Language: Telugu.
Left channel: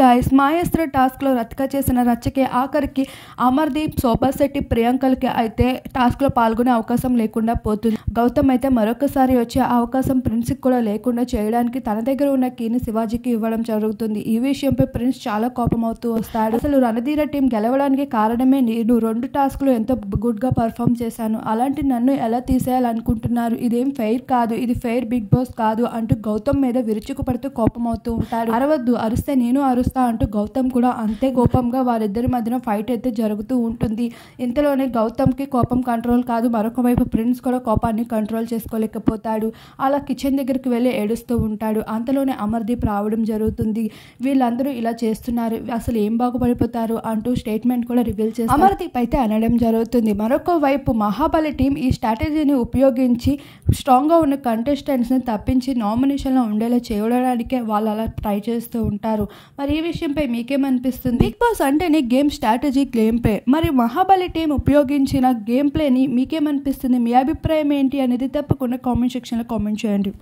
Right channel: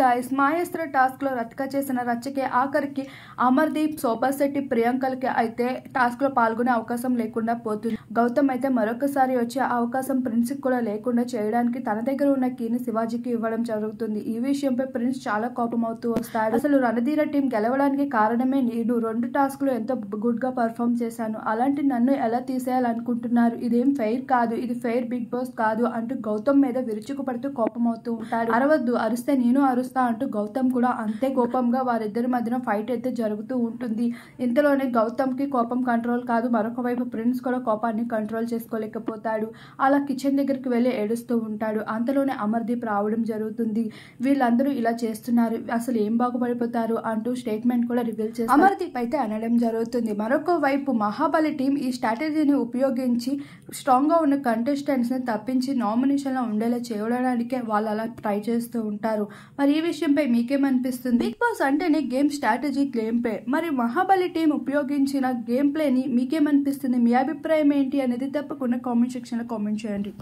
గైస్ మాయస్త్ర టాస్క్లో రతిక చేసిన రచ్చకే ఆఖరికి అమర్దీప్, శోభా శెట్టి, ప్రియాంకలకి అయితే టాస్క్లో పాల్గొనే అవకాశం లేకుండా పోతుంది. గౌతమ్ అయితే మరొకసారి వచ్చే అవకాశం ప్రిన్స్కి కూడా లేకుండా చేయడానికి తన దగ్గర ఉన్న కీని శివాజీకి ఇవ్వడం జరుగుతుంది. ఈ విషయంపై ప్రిన్స్ చాలా కోపమవుతూ వస్తాడు. అసలు రణధీర టీం గెలవడానికి కారణమే నేను 2 టాస్క్లు ఎంతో గుడ్గా పర్ఫామ్ చేశాను, అలాంటి నన్ను ఎలా తీసేయాలనుకుంటున్నారు, ఇదేం ఫెయిర్ కాదు, ఇది ఫెయిర్ బిగ్ బాస్ కాదు అంటూ గౌతమ్ మీద విరుచుకుపడుతూ కోపమవుతూ ఉంటాడు. అరవద్దు, అరిస్తే నేను అరుస్తా అంటూ గౌతమ్ కూడా అంతే కోపంగా వారిద్దరి మధ్యన ఫైట్ అయితే జరుగుతూ ఉంటుంది. ఇంతలోనే గౌతమ్కి కోపం కంట్రోల్ కాదు, మరొక వైపు ప్రిన్స్ కూడా కోపాన్ని కంట్రోల్ చేసుకోలేకపోతాడు. అలా కిచెన్ దగ్గరికి వెళ్ళి ఏడుస్తూ ఉంటాడు. అంతలోనే అమర్దీప్ రావడం జరుగుతుంది. వీళ్ళందరూ ఇలా చేస్తున్నారు, అసలు ఏం బాగుపడిపోతారు అంటూ స్టేట్మెంట్ కూడా రివీల్ చేస్తారు. అమర్దీప్ అయితే అనడం జరుగుతుంది. మరొక వైపు మహాబలి టీం ఈ స్ట్రాటజీని ఉపయోగించి స్ట్రాంగ్గా ఉన్న కంటెస్టెంట్స్ని తప్పించి నామినేషన్లో ఉండేలా చేయడానికే వాళ్ళు అలా ట్రై చేస్తూ ఉంటారు. మరి ఈ విషయంపై మీకేమనిపిస్తుంది? బిగ్ బాస్ అంటేనే గేమ్ స్ట్రాటజీ, గేమ్ ప్లే. మరి మహాబలి టీం ఉపయోగించిన గేమ్ ప్లేని మీకేమనిపిస్తుంది? మీ అభిప్రాయం ఏంటి అనేది తప్పకుండా కామెంట్ సెక్షన్లో కామెంట్ చేయండి.